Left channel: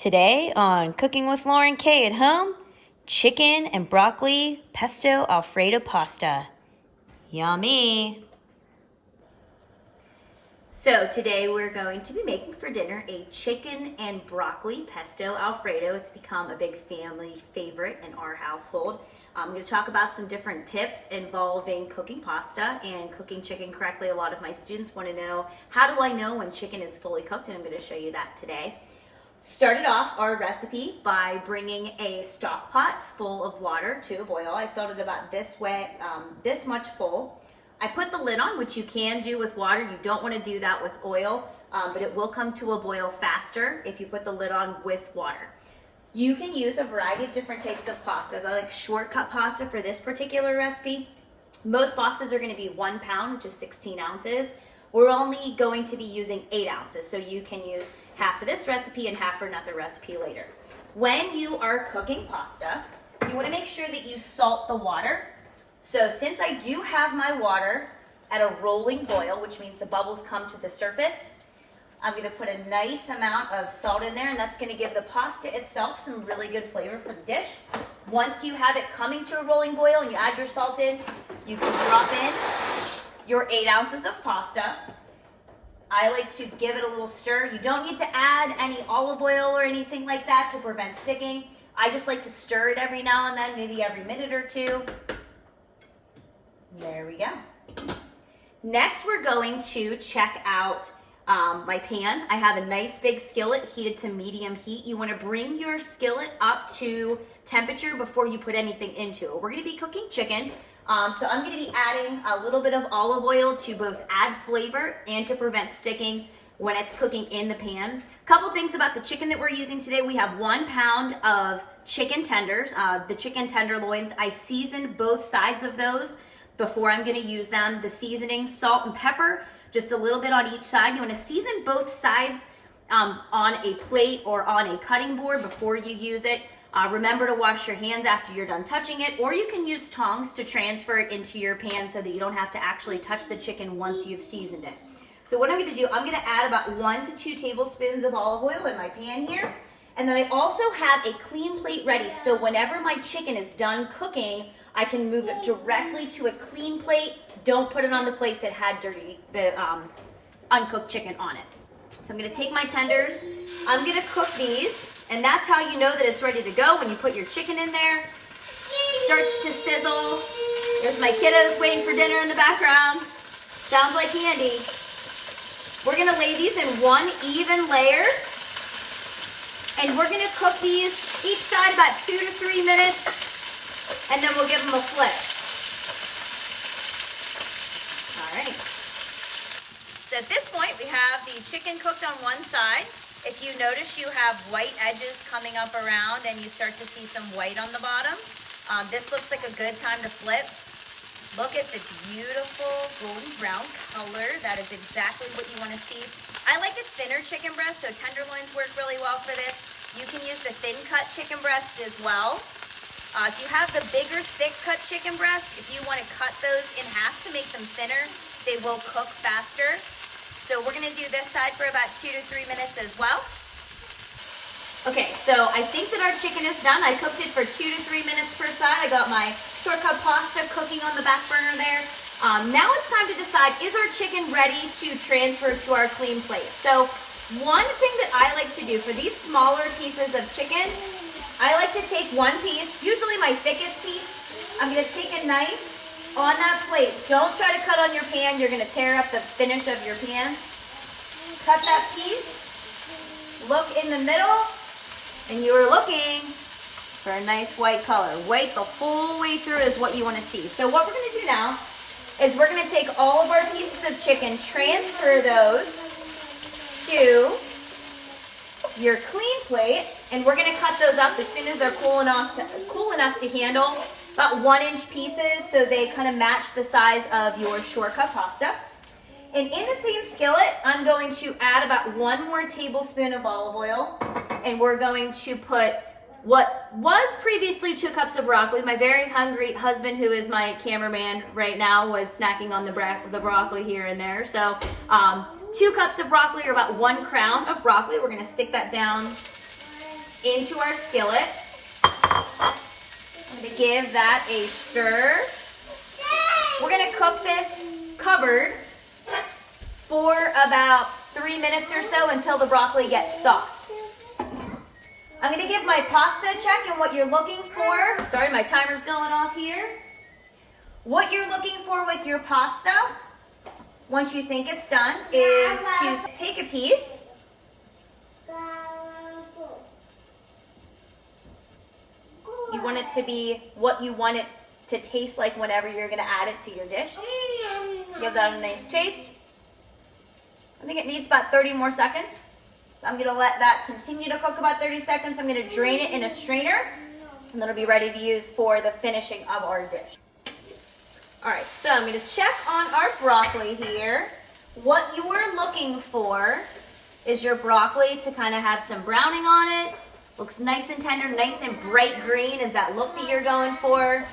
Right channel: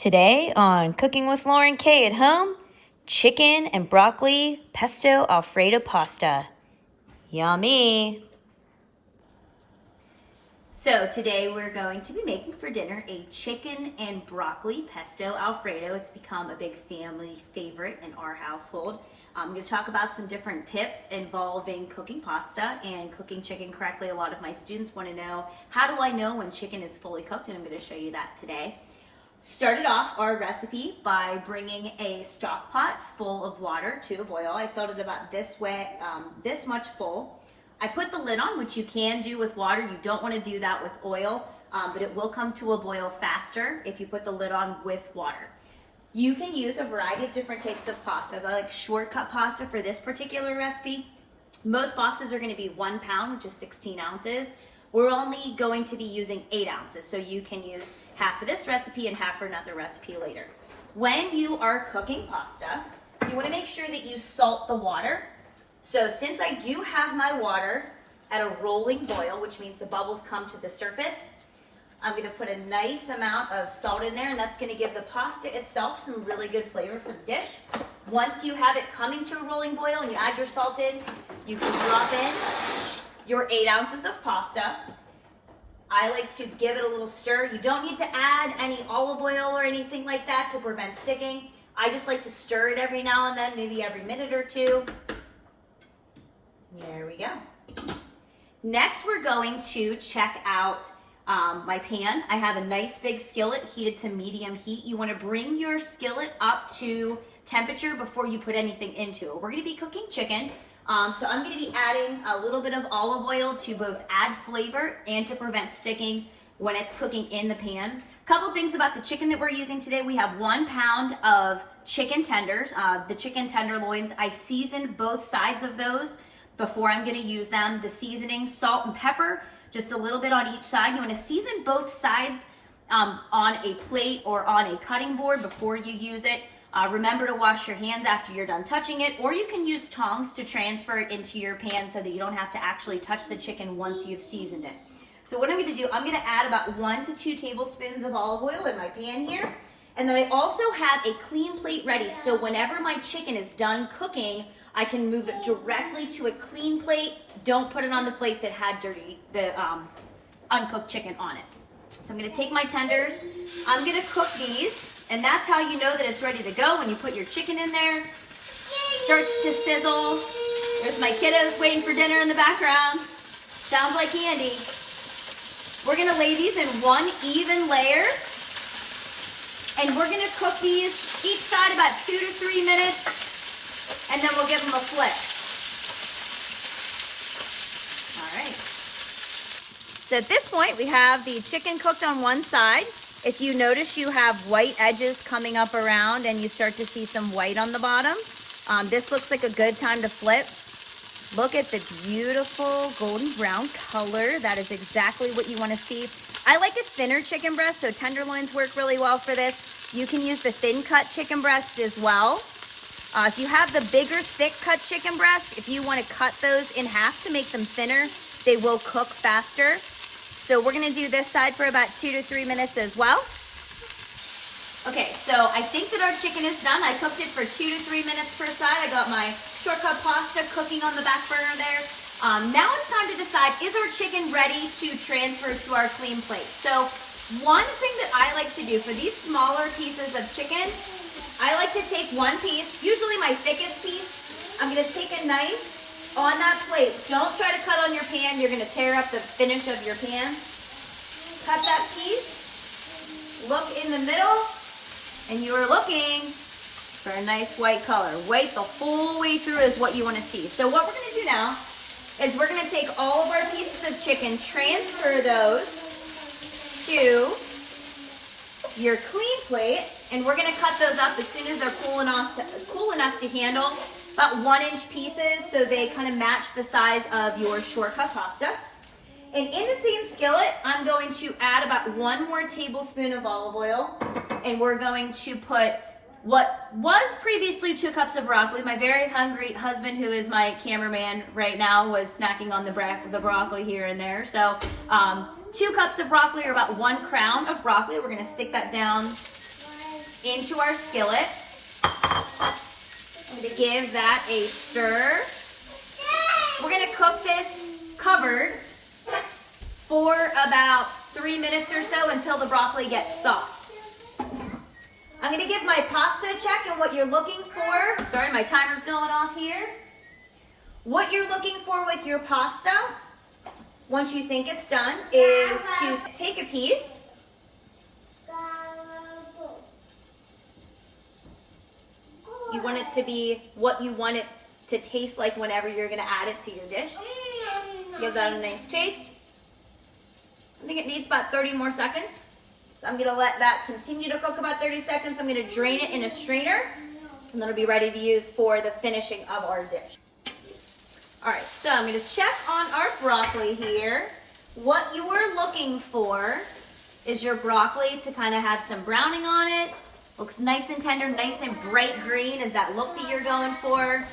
Today on Cooking with Lauren K at Home, chicken and broccoli pesto Alfredo pasta. Yummy! So today we're going to be making for dinner a chicken and broccoli pesto Alfredo. It's become a big family favorite in our household. I'm going to talk about some different tips involving cooking pasta and cooking chicken correctly. A lot of my students want to know, how do I know when chicken is fully cooked? And I'm going to show you that today. Started off our recipe by bringing a stock pot full of water to a boil. I filled it about this way, this much full. I put the lid on, which you can do with water. You don't want to do that with oil, but it will come to a boil faster if you put the lid on with water. You can use a variety of different types of pastas. I like shortcut pasta for this particular recipe. Most boxes are going to be 1 pound, which is 16 ounces. We're only going to be using 8 ounces, so you can use half for this recipe and half for another recipe later. When you are cooking pasta, you want to make sure that you salt the water. So since I do have my water at a rolling boil, which means the bubbles come to the surface, I'm going to put a nice amount of salt in there, and that's going to give the pasta itself some really good flavor for the dish. Once you have it coming to a rolling boil and you add your salt in, you can drop in your 8 ounces of pasta. I like to give it a little stir. You don't need to add any olive oil or anything like that to prevent sticking. I just like to stir it every now and then, maybe every minute or two. There we go. Next, we're going to check out my pan. I have a nice big skillet heated to medium heat. You want to bring your skillet up to temperature before you put anything into it. We're going to be cooking chicken. So I'm going to be adding a little bit of olive oil to both add flavor and to prevent sticking when it's cooking in the pan. A couple things about the chicken that we're using today. We have 1 pound of chicken tenders. The chicken tenderloins, I seasoned both sides of those before I'm going to use them. The seasoning, salt and pepper, just a little bit on each side. You want to season both sides on a plate or on a cutting board before you use it. Remember to wash your hands after you're done touching it, or you can use tongs to transfer it into your pan so that you don't have to actually touch the chicken once you've seasoned it. So what I'm going to do, I'm going to add about 1 to 2 tablespoons of olive oil in my pan here. And then I also have a clean plate ready, so whenever my chicken is done cooking, I can move it directly to a clean plate. Don't put it on the plate that had the uncooked chicken on it. So I'm going to take my tenders. I'm going to cook these. And that's how you know that it's ready to go, when you put your chicken in there. Starts to sizzle. There's my kiddos waiting for dinner in the background. Sounds like candy. We're going to lay these in one even layer. And we're going to cook these each side about 2 to 3 minutes. And then we'll give them a flip. All right. So at this point, we have the chicken cooked on one side. If you notice you have white edges coming up around and you start to see some white on the bottom, this looks like a good time to flip. Look at the beautiful golden brown color. That is exactly what you want to see. I like a thinner chicken breast, so tenderloins work really well for this. You can use the thin cut chicken breast as well. If you have the bigger, thick cut chicken breast, if you want to cut those in half to make them thinner, they will cook faster. So we're going to do this side for about 2 to 3 minutes as well. Okay, so I think that our chicken is done. I cooked it for 2 to 3 minutes per side. I got my shortcut pasta cooking on the back burner there. Now it's time to decide, is our chicken ready to transfer to our clean plate? So one thing that I like to do for these smaller pieces of chicken, I like to take one piece, usually my thickest piece. I'm going to take a knife on that plate. Don't try to cut on your pan. You're going to tear up the finish of your pan. Cut that piece. Look in the middle. And you're looking for a nice white color. White the whole way through is what you want to see. So what we're going to do now is we're going to take all of our pieces of chicken, transfer those to your clean plate, and we're going to cut those up as soon as they're cool enough to handle. About 1-inch pieces, so they kind of match the size of your shortcut pasta. And in the same skillet, I'm going to add about 1 more tablespoon of olive oil, and we're going to put what was previously 2 cups of broccoli. My very hungry husband, who is my cameraman right now, was snacking on the broccoli here and there. So 2 cups of broccoli, or about 1 crown of broccoli. We're going to stick that down into our skillet. I'm going to give that a stir. We're going to cook this covered for about 3 minutes or so until the broccoli gets soft. I'm going to give my pasta a check, and what you're looking for, sorry, my timer's going off here. What you're looking for with your pasta, once you think it's done, is to take a piece. You want it to be what you want it to taste like whenever you're going to add it to your dish. Give that a nice taste. I think it needs about 30 more seconds. So I'm going to let that continue to cook about 30 seconds. I'm going to drain it in a strainer, and then it'll be ready to use for the finishing of our dish. All right, so I'm going to check on our broccoli here. What you are looking for is your broccoli to kind of have some browning on it. Looks nice and tender, nice and bright green is that look that you're going for.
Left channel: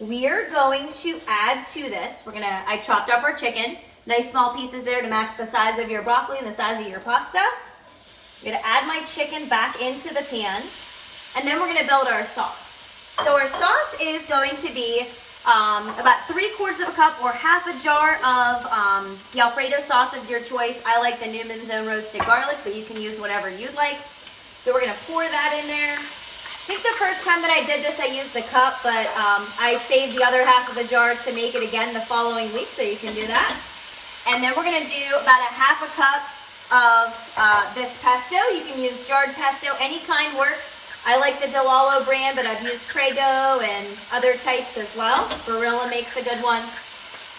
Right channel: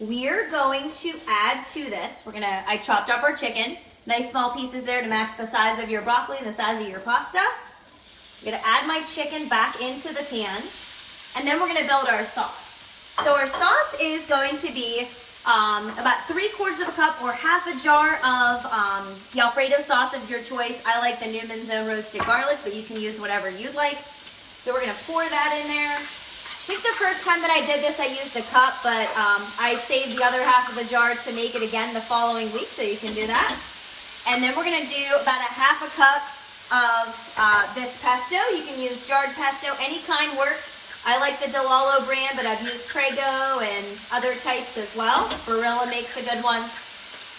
We're going to add to this. I chopped up our chicken. Nice small pieces there to match the size of your broccoli and the size of your pasta. I'm gonna add my chicken back into the pan, and then we're gonna build our sauce. So our sauce is going to be about 3/4 of a cup or half a jar of the Alfredo sauce of your choice. I like the Newman's Own roasted garlic, but you can use whatever you'd like. So we're gonna pour that in there. I think the first time that I did this, I used a cup, but I saved the other half of a jar to make it again the following week, so you can do that. And then we're gonna do about a half a cup of this pesto. You can use jarred pesto, any kind works. I like the Delalo brand, but I've used Prego and other types as well. Barilla makes a good one.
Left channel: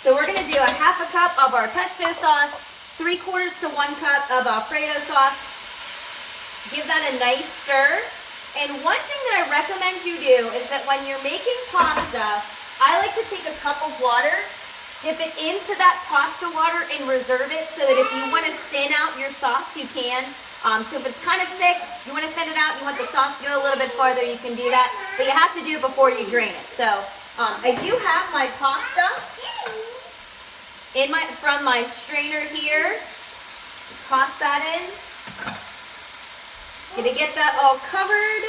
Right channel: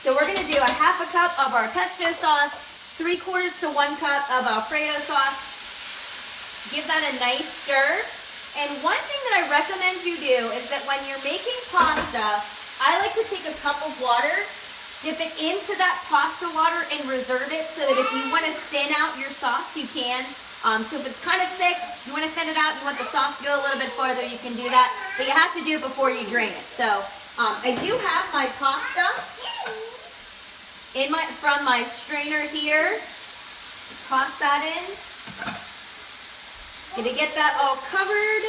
So we're gonna do a half a cup of our pesto sauce, 3/4 to 1 cup of Alfredo sauce. Give that a nice stir. And one thing that I recommend you do is that when you're making pasta, I like to take a cup of water, dip it into that pasta water, and reserve it so that if you want to thin out your sauce, you can. So if it's kind of thick, you want to thin it out, you want the sauce to go a little bit farther, you can do that. But you have to do it before you drain it. So I do have my pasta from my strainer here. Toss that in. Gonna get that all covered.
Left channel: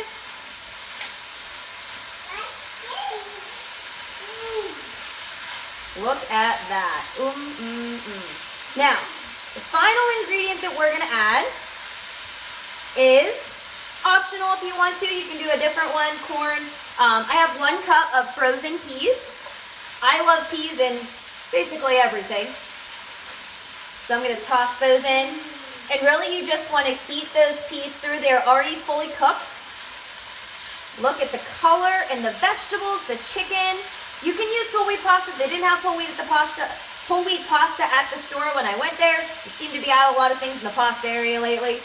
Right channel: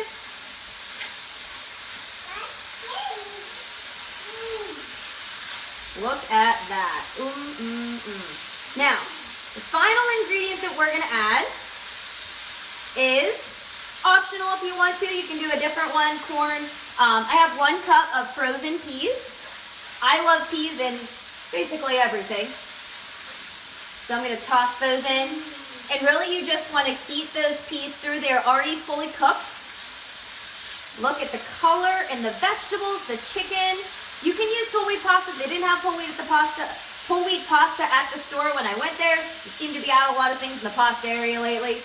Look at that. Now, the final ingredient that we're gonna add is optional if you want to. You can do a different one, corn. I have 1 cup of frozen peas. I love peas in basically everything. So I'm gonna toss those in. And really you just wanna heat those peas through. They're already fully cooked. Look at the color and the vegetables, the chicken. You can use whole wheat pasta. They didn't have whole wheat pasta at the store when I went there. They seem to be out of a lot of things in the pasta area lately.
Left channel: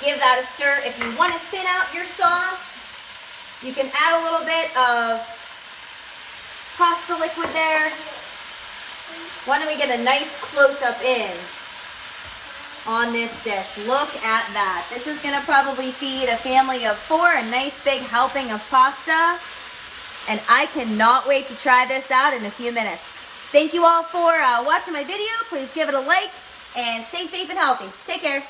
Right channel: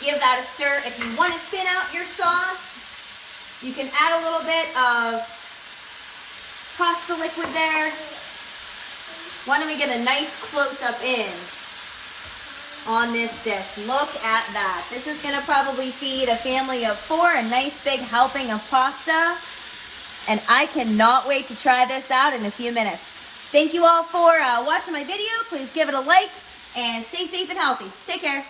Give that a stir. If you want to thin out your sauce, you can add a little bit of pasta liquid there. Why don't we get a nice close-up in on this dish? Look at that. This is going to probably feed a family of 4, a nice big helping of pasta. And I cannot wait to try this out in a few minutes. Thank you all for watching my video. Please give it a like and stay safe and healthy. Take care.